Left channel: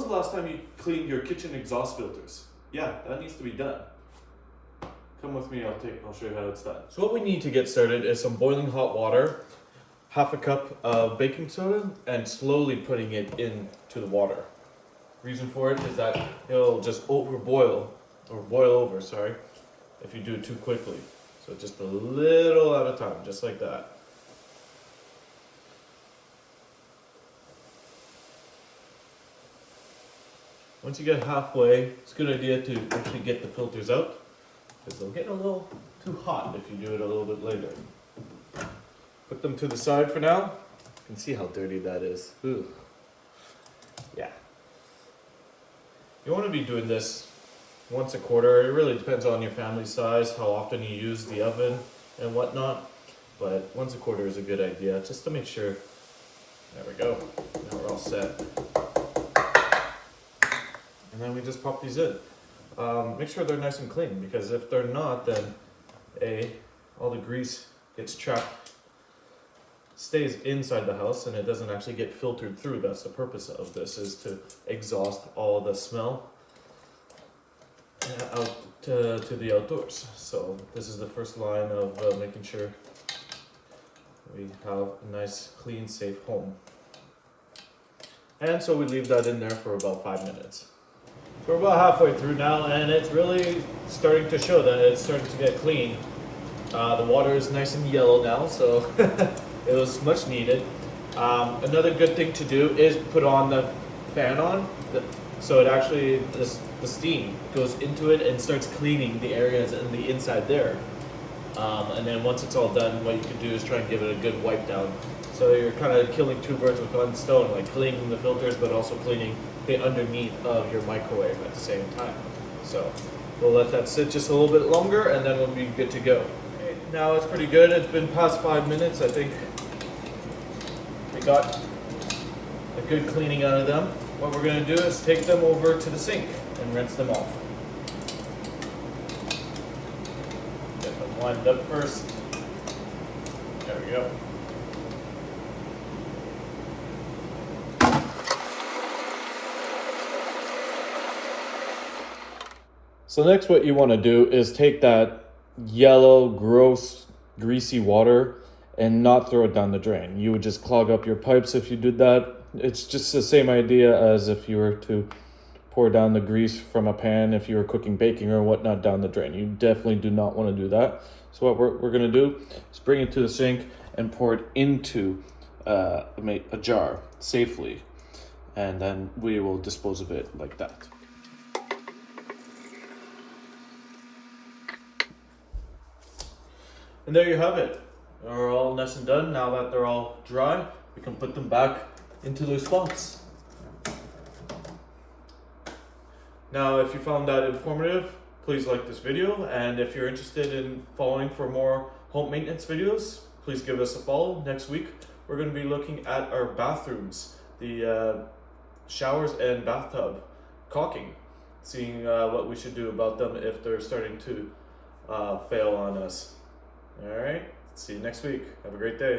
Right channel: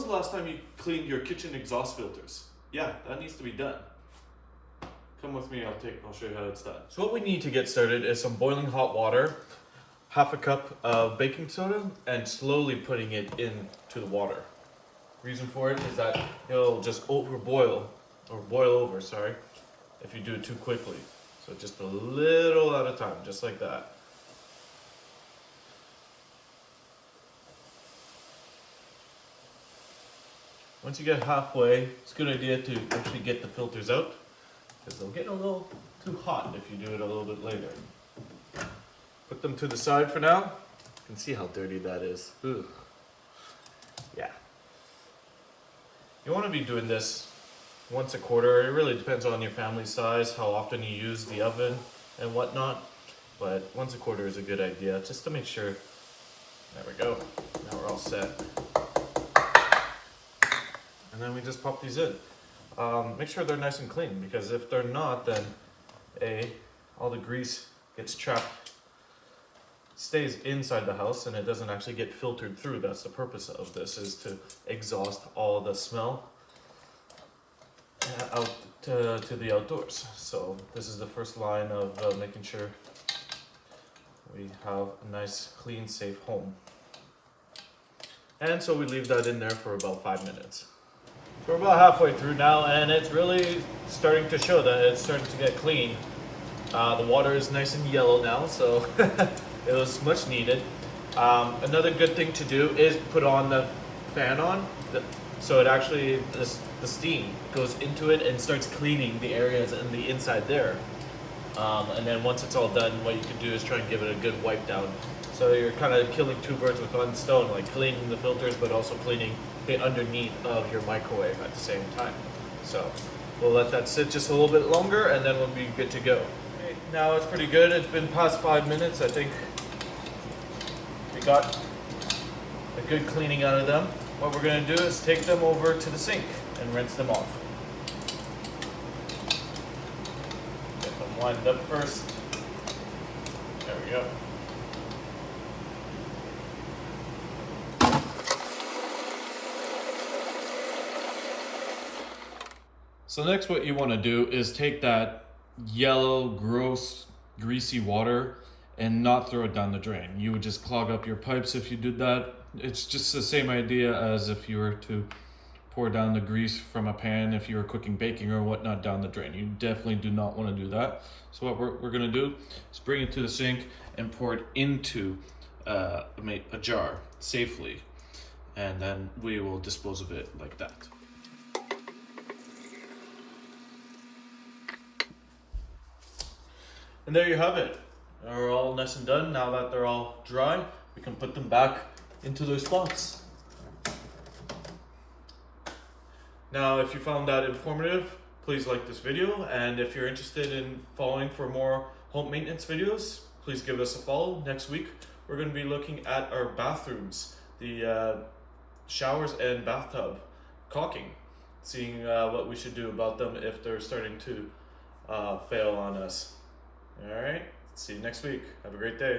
was the last time you cleaned your kitchen exhaust filters? Yeah, that needs to be done. Come with me, I'll show you how it's done. So what we need to get started is some boiling hot water, half a cup of baking soda, and slowly putting it into the water. Reason for it is that it'll just boil over, if you do it too quickly. So just a little at a time, just like that. Once you get halfway, it's a good idea to actually get the filters out, because they'll get a little too hot if you do it a little bit later. Put them to the side for now. You can see how dirty that is. Ooh. Yeah. You want to be doing this once a quarter. It really depends on your family size, how often you use the oven and whatnot. But once a quarter is a good idea, just to make sure. There we go. Now we're all set. And then we just pop these in. Make sure they're nice and clean, because if they're not, then all the grease gets trapped, stays inside the house, and it doesn't actually get filtered through. That's the purpose of this, is to exhaust all the smell out to the outdoors. So this is the first line of making sure we have a nice, clean, safe home. And so we leave that in there for about 5 minutes. We're about halfway through now, and it's really starting to show that it's starting to get clean. The water is nice and yellow now, so it was much needed. Another good thing to do is put on the fan so it actually, the steam goes into it and starts cleaning the areas in the inside there. And then once it's all done, what you can do is try and give it a good wipe down. So you're kind of killing two birds with one stone, like cleaning the filters, but also cleaning the underneath of your microwave at the same time. So we'll let that sit just a little bit longer, and then we'll be good to go. Okay, now it's pretty good. It's been past 5 minutes. I think we got a good cleaning out of them. What we're going to do is take them over to the sink and rinse them off. Get them lined up first. There we go. So next, what you want to do is take that yellow, gross, greasy water and not throw it down the drain. You would just clog up your pipes if you did that. It's just the same idea as if you were to pour down the grease from a pan if you were cooking baking or whatnot down the drain. You definitely do not want to do that. So what we're going to do is bring it to the sink and pour it into a jar safely. And then we will dispose of it like that. And there you have it. They're all nice and done. Now that they're all dry, we can put them back into their spots. Now, if you found that informative, please like this video. And if you're interested in following for more home maintenance videos, please give us a follow. Next week, we're going to be looking at our bathrooms, the showers and bathtub caulking, seeing what we should do about them if they're starting to fail on us. All right, see you next week. Have a great day.